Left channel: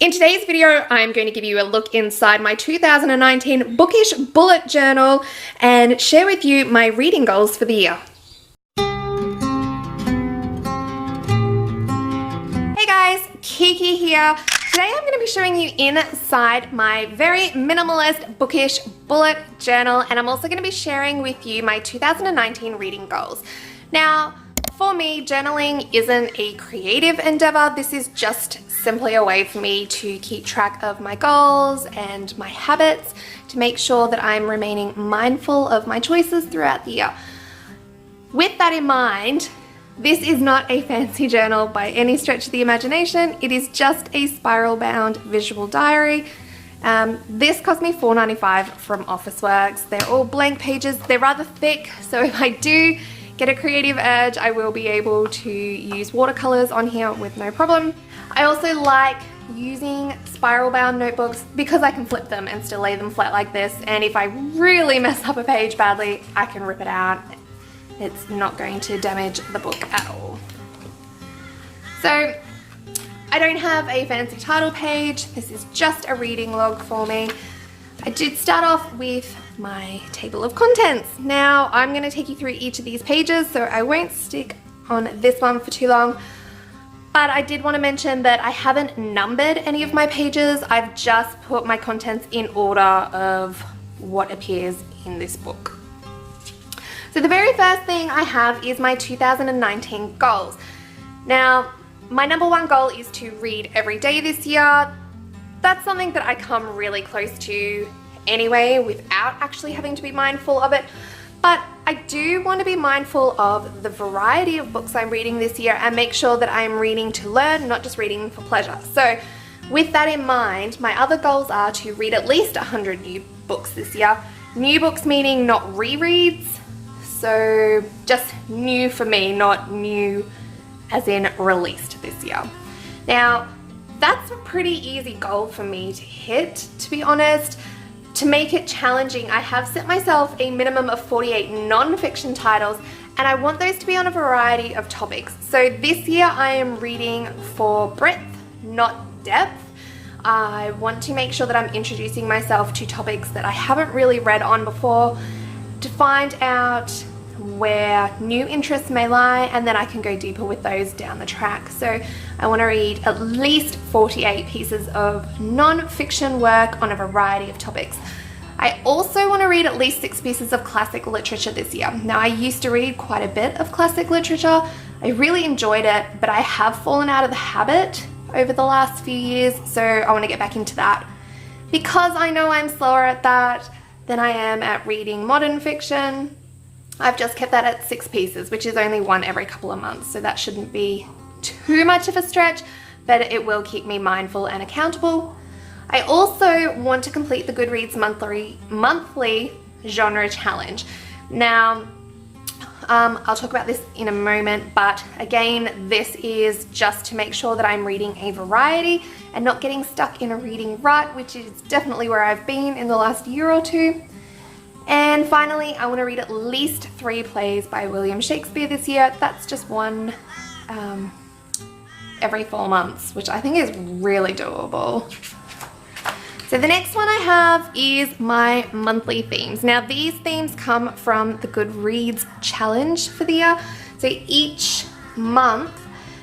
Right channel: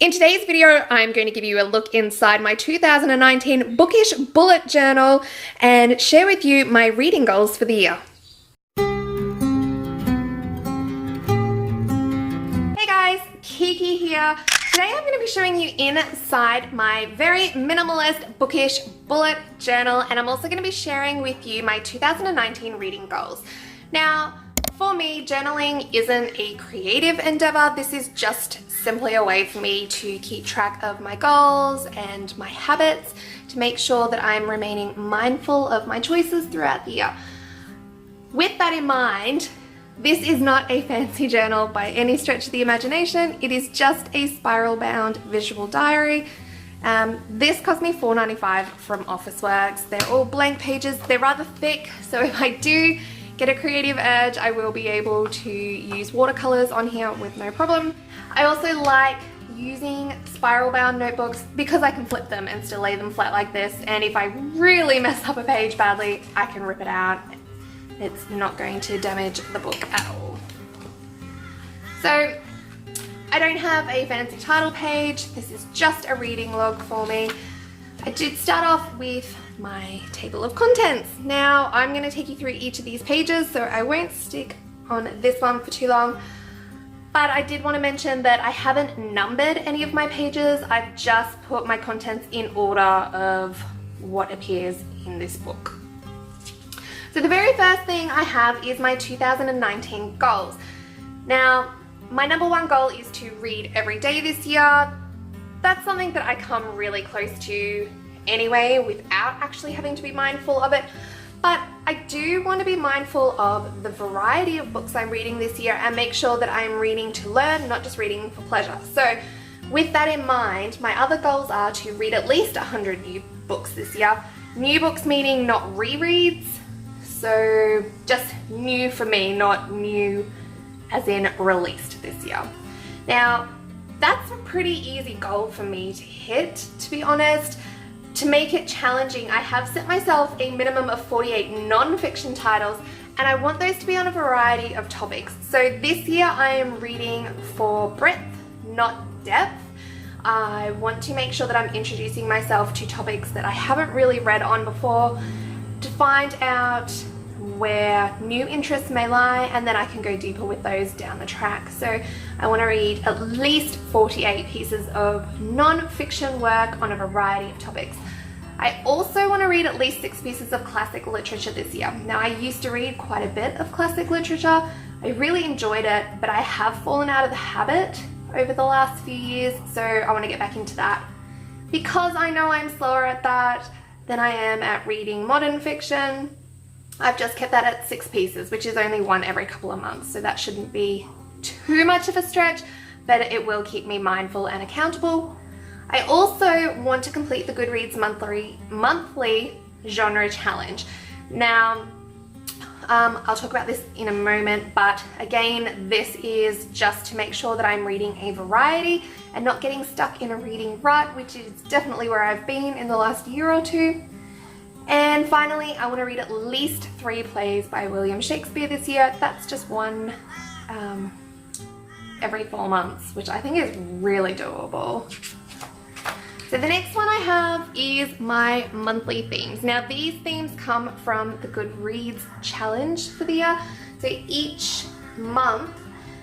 In today's video, I'm going to give you a look inside my 2019 Bookish Bullet Journal and share with you my reading goals for the year. Hey guys, Kiki here. Today I'm going to be showing you inside my very minimalist Bookish Bullet Journal, and I'm also going to be sharing with you my 2019 reading goals. Now, for me, journaling isn't a creative endeavor. This is just simply a way for me to keep track of my goals and my habits, to make sure that I'm remaining mindful of my choices throughout the year. With that in mind, this is not a fancy journal by any stretch of the imagination. It is just a spiral-bound visual diary. This cost me $4.95 from Officeworks. They're all blank pages. They're rather thick, so if I do get a creative urge, I will be able to use watercolors on here with no problem. I also like using spiral bound notebooks because I can flip them and still lay them flat like this, and if I really mess up a page badly, I can rip it out. It's not going to damage the book at all. So I don't have a fancy title page. This is just a reading log for me. I did start off with my table of contents. Now I'm going to take you through each of these pages, so I won't stick on this one for too long. But I did want to mention that I haven't numbered any of my pages. I've just put my contents in order of what appears in this book. So the very first thing I have is my 2019 goals. Now, my number one goal is to read every day this year. That's something that I come really close to anyway without actually having to be mindful of it. But I do want to be mindful of the variety of books I'm reading this year and make sure that I'm reading to learn, not just reading for pleasure. So with that in mind, my other goals are to read at least 100 new books this year. New books meaning not rereads, so just new for me, not new as in released this year. Now, that's a pretty easy goal for me to hit, to be honest. To make it challenging, I have set myself a minimum of 48 non-fiction titles, and I want those to be on a variety of topics. So this year I am reading for breadth, not depth. I want to make sure that I'm introducing myself to topics that I haven't really read on before, to find out where new interests may lie, and then I can go deeper with those down the track. So I want to read at least 48 pieces of non-fiction work on a variety of topics. I also want to read at least 6 pieces of classic literature this year. Now, I used to read quite a bit of classic literature. I really enjoyed it, but I have fallen out of the habit over the last few years, so I want to get back into that. Because I know I'm slower at that than I am at reading modern fiction, I've just kept that at 6 pieces, which is only one every couple of months, so that shouldn't be too much of a stretch, but it will keep me mindful and accountable. I also want to complete the Goodreads monthly genre challenge. Now, I'll talk about this in a moment, but again, this is just to make sure that I'm reading a variety and not getting stuck in a reading rut, which is definitely where I've been in the last year or two. And finally, I want to read at least 3 plays by William Shakespeare this year. That's just one every 4 months, which I think is really doable. So the next one I have is my monthly themes. Now, these themes come from the Goodreads challenge for the year. So each month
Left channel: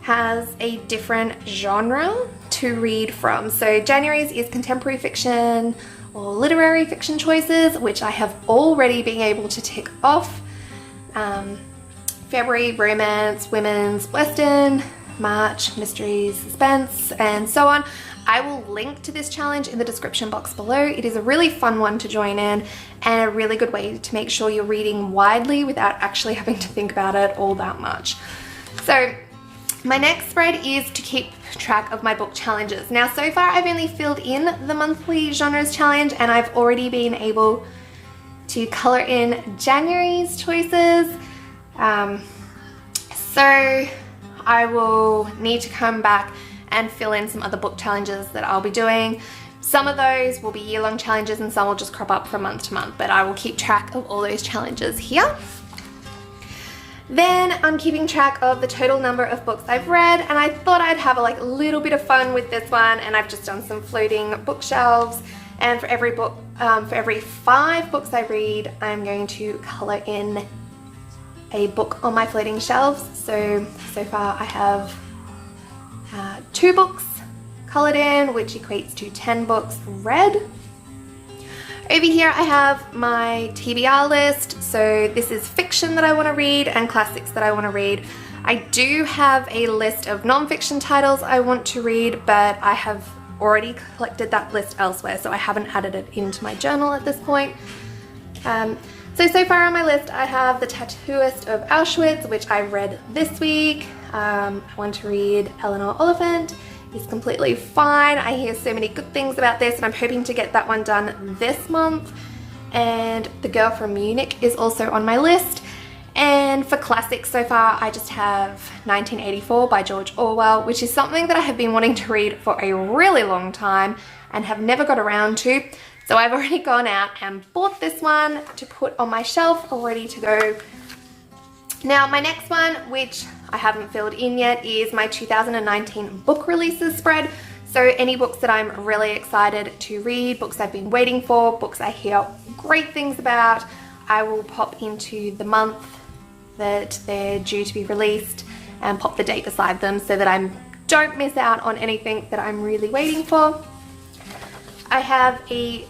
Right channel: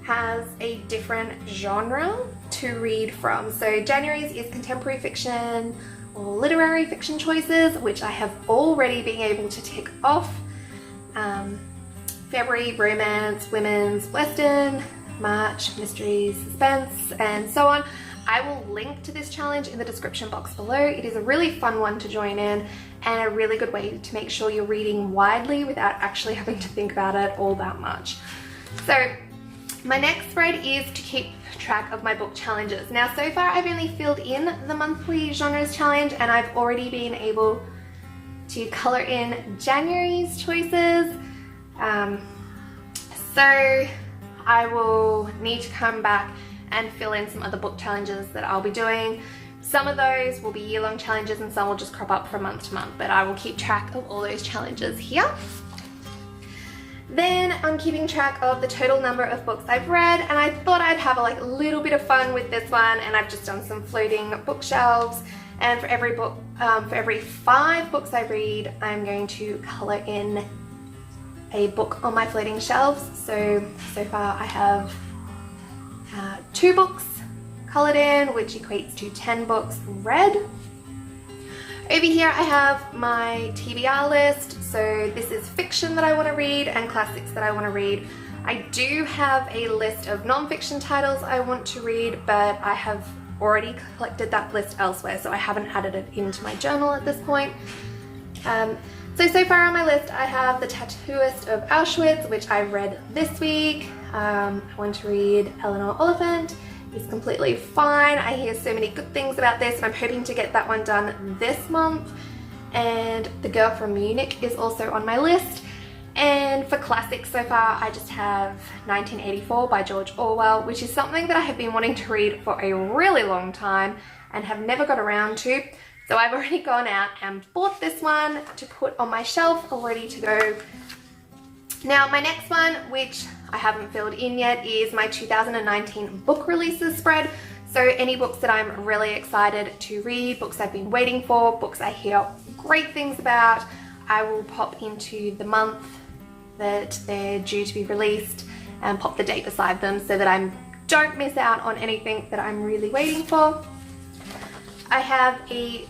has a different genre to read from. So January's is contemporary fiction or literary fiction choices, which I have already been able to tick off. February, romance, women's, western. March, mysteries, suspense, and so on. I will link to this challenge in the description box below. It is a really fun one to join in and a really good way to make sure you're reading widely without actually having to think about it all that much. So my next spread is to keep track of my book challenges. Now, so far I've only filled in the monthly genres challenge, and I've already been able to color in January's choices. So I will need to come back and fill in some other book challenges that I'll be doing. Some of those will be year-long challenges and some will just crop up from month to month, but I will keep track of all those challenges here. Then I'm keeping track of the total number of books I've read, and I thought I'd have a little bit of fun with this one, and I've just done some floating bookshelves. And for every book, for every 5 books I read, I'm going to colour in a book on my floating shelves. So far I have 2 books coloured in, which equates to 10 books read. Over here I have my TBR list. So this is fiction that I want to read and classics that I want to read. I do have a list of non-fiction titles I want to read, but I have already collected that list elsewhere, so I haven't added it into my journal at this point. So far on my list I have The Tattooist of Auschwitz, which I read this week. I want to read Eleanor Oliphant. He's completely fine. I hear so many good things about this, and I'm hoping to get that one done this month. And The Girl from Munich is also on my list. And for classics so far, I just have 1984 by George Orwell, which is something that I have been wanting to read for a really long time and have never got around to. So I've already gone out and bought this one to put on my shelf, all ready to go. Now my next one, which I haven't filled in yet, is my 2019 book releases spread. So any books that I'm really excited to read, books I've been waiting for, books I hear great things about, I will pop into the month that they're due to be released and pop the date beside them so that I don't miss out on anything that I'm really waiting for. I have a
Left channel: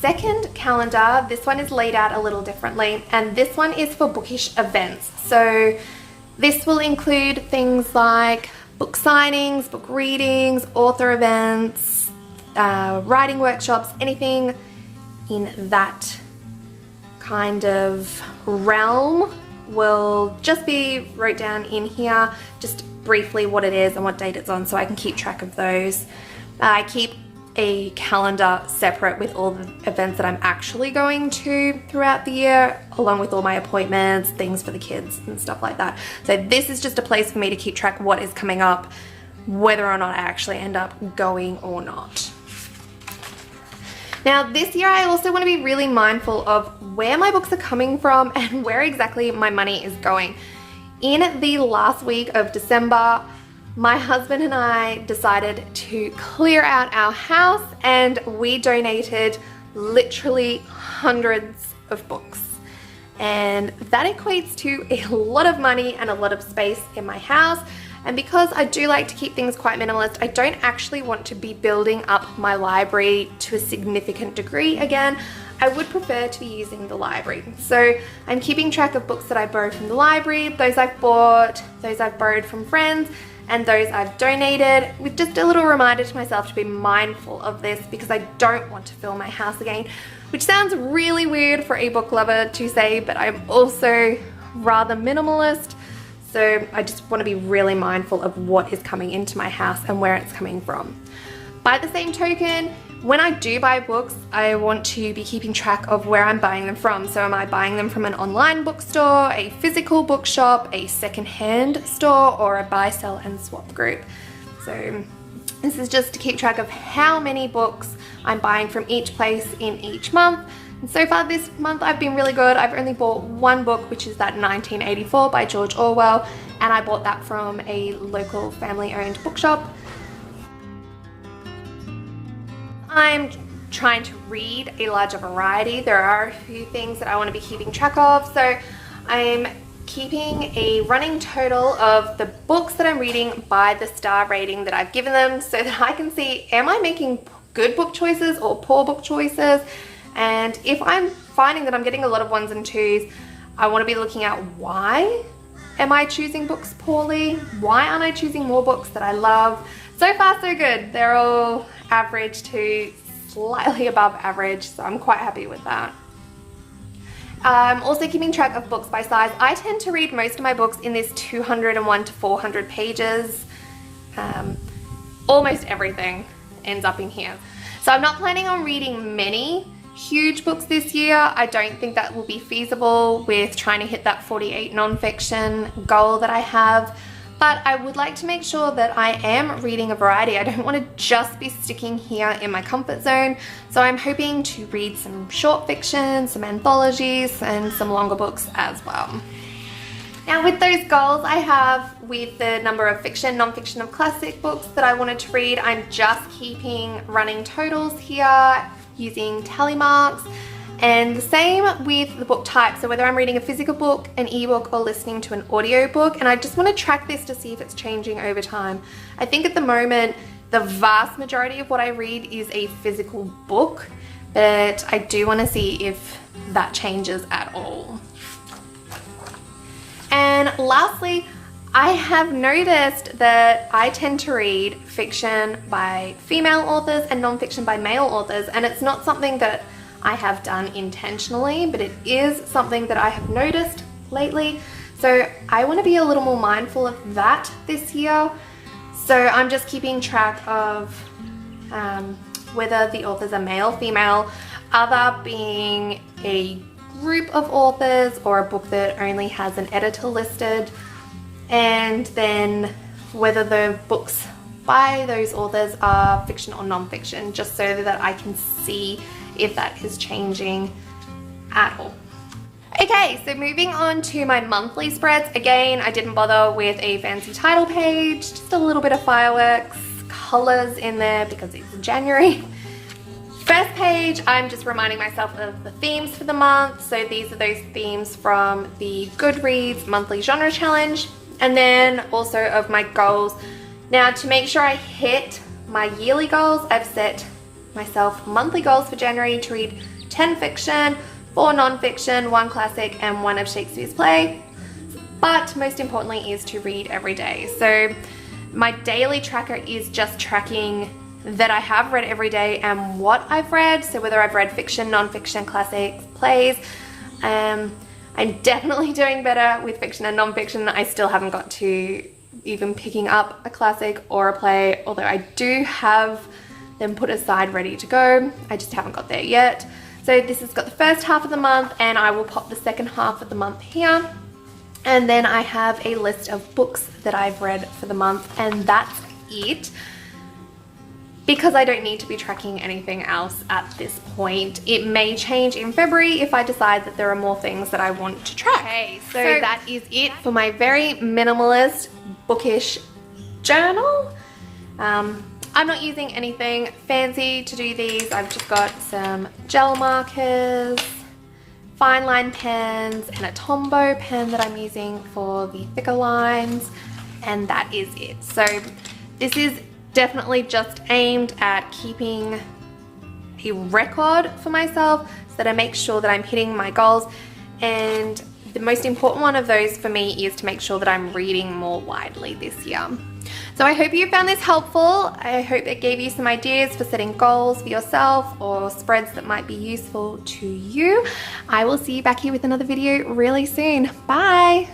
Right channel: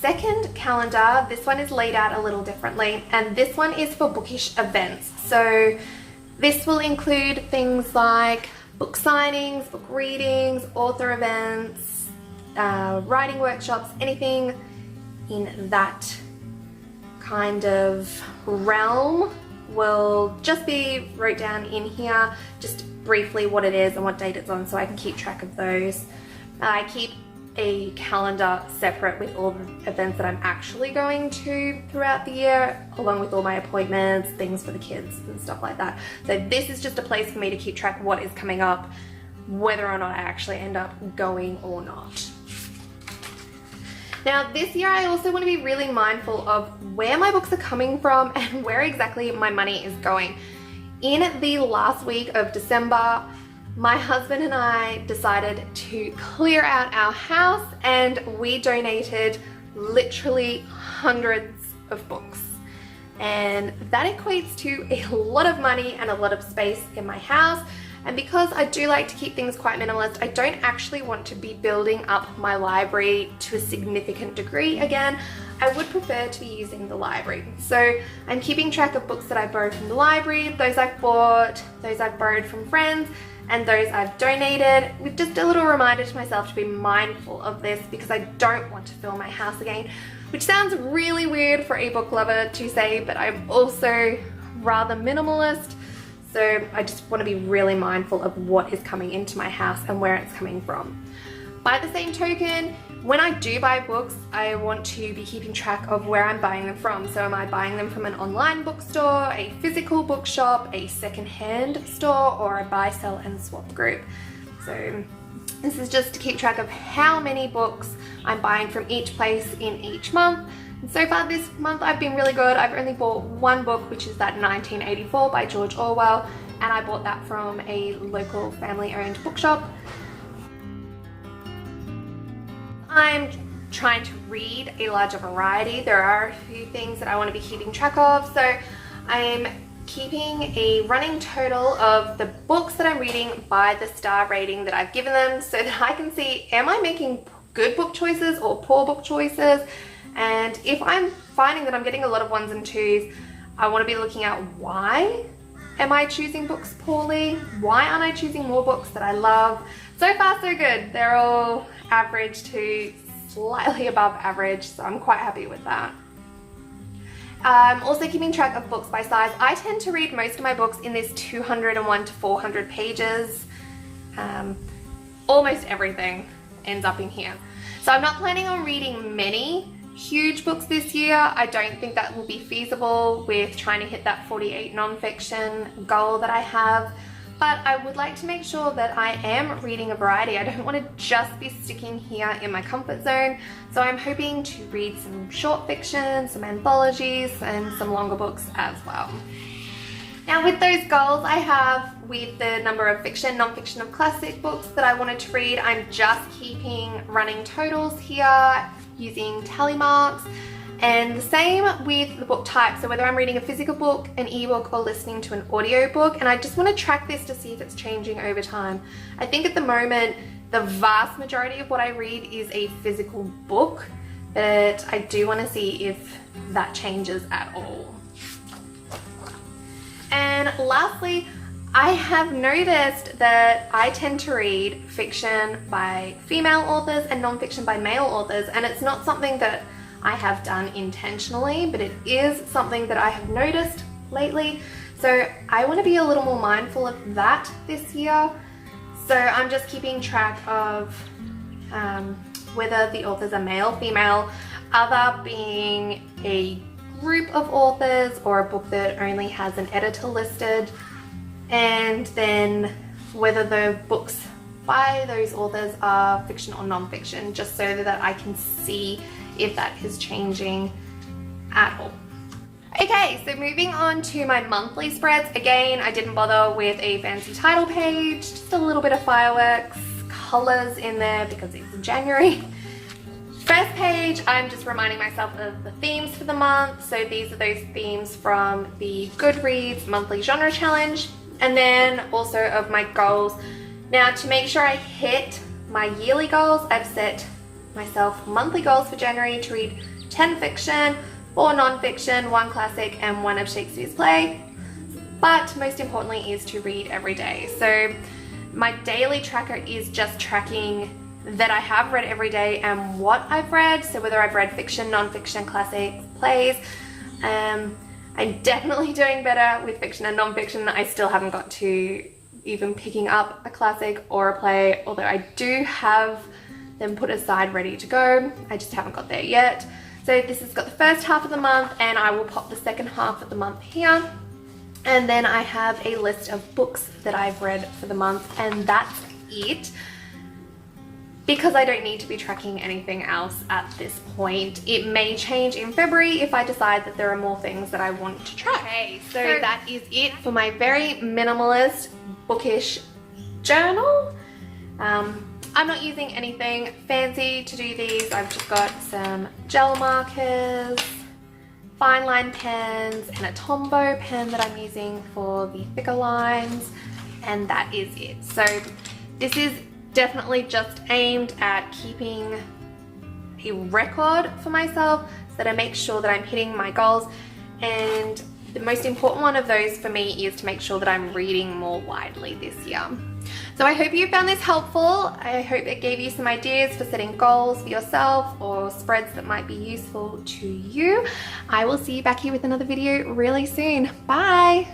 second calendar. This one is laid out a little differently, and this one is for bookish events. So this will include things like book signings, book readings, author events, writing workshops, anything in that kind of realm will just be wrote down in here, just briefly what it is and what date it's on, so I can keep track of those. I keep a calendar separate with all the events that I'm actually going to throughout the year, along with all my appointments, things for the kids and stuff like that. So this is just a place for me to keep track of what is coming up, whether or not I actually end up going or not. Now this year I also want to be really mindful of where my books are coming from and where exactly my money is going. In the last week of December, my husband and I decided to clear out our house, and we donated literally hundreds of books. And that equates to a lot of money and a lot of space in my house. And because I do like to keep things quite minimalist, I don't actually want to be building up my library to a significant degree again. I would prefer to be using the library. So I'm keeping track of books that I borrowed from the library, those I've bought, those I've borrowed from friends, and those I've donated, with just a little reminder to myself to be mindful of this, because I don't want to fill my house again, which sounds really weird for a book lover to say, but I'm also rather minimalist. So I just want to be really mindful of what is coming into my house and where it's coming from. By the same token, when I do buy books, I want to be keeping track of where I'm buying them from. So am I buying them from an online bookstore, a physical bookshop, a secondhand store, or a buy, sell and swap group? So this is just to keep track of how many books I'm buying from each place in each month. And so far this month I've been really good. I've only bought one book, which is that 1984 by George Orwell, and I bought that from a local family-owned bookshop. I'm trying to read a larger variety. There are a few things that I want to be keeping track of, so I'm keeping a running total of the books that I'm reading by the star rating that I've given them, so that I can see, am I making good book choices or poor book choices? And if I'm finding that I'm getting a lot of 1s and 2s, I want to be looking at why am I choosing books poorly? Why aren't I choosing more books that I love? So far so good. They're all average to slightly above average, so I'm quite happy with that. I'm also keeping track of books by size. I tend to read most of my books in this 201 to 400 pages. Almost everything ends up in here. So I'm not planning on reading many huge books this year. I don't think that will be feasible with trying to hit that 48 non-fiction goal that I have, but I would like to make sure that I am reading a variety. I don't want to just be sticking here in my comfort zone, so I'm hoping to read some short fiction, some anthologies, and some longer books as well. Now with those goals I have with the number of fiction, non-fiction of classic books that I wanted to read, I'm just keeping running totals here using tally marks. And the same with the book type, so whether I'm reading a physical book, an ebook, or listening to an audiobook, and I just want to track this to see if it's changing over time. I think at the moment the vast majority of what I read is a physical book, but I do want to see if that changes at all. And lastly, I have noticed that I tend to read fiction by female authors and non-fiction by male authors, and it's not something that I have done intentionally, but it is something that I have noticed lately. So I want to be a little more mindful of that this year. So I'm just keeping track of whether the authors are male, female, other being a group of authors or a book that only has an editor listed, and then whether the books by those authors are fiction or non-fiction, just so that I can see if that is changing at all. Okay, so moving on to my monthly spreads. Again, I didn't bother with a fancy title page, just a little bit of fireworks, colors in there because it's January. First page, I'm just reminding myself of the themes for the month. So these are those themes from the Goodreads monthly genre challenge, and then also of my goals. Now, to make sure I hit my yearly goals, I've set myself monthly goals for January to read 10 fiction, 4 non-fiction, 1 classic, and 1 of Shakespeare's play. But most importantly is to read every day. So my daily tracker is just tracking that I have read every day and what I've read. So whether I've read fiction, non-fiction, classics, plays. I'm definitely doing better with fiction and non-fiction. I still haven't got to even picking up a classic or a play, although I do have them put aside ready to go. I just haven't got there yet. So this has got the first half of the month, and I will pop the second half of the month here. And then I have a list of books that I've read for the month, and that's it. Because I don't need to be tracking anything else at this point. It may change in February if I decide that there are more things that I want to track. Okay, so that is it for my very minimalist bookish journal. I'm not using anything fancy to do these. I've just got some gel markers, fine line pens, and a Tombow pen that I'm using for the thicker lines, and that is it. So this is definitely just aimed at keeping a record for myself so that I make sure that I'm hitting my goals, and the most important one of those for me is to make sure that I'm reading more widely this year. So I hope you found this helpful. I hope it gave you some ideas for setting goals for yourself or spreads that might be useful to you. I will see you back here with another video really soon. Bye!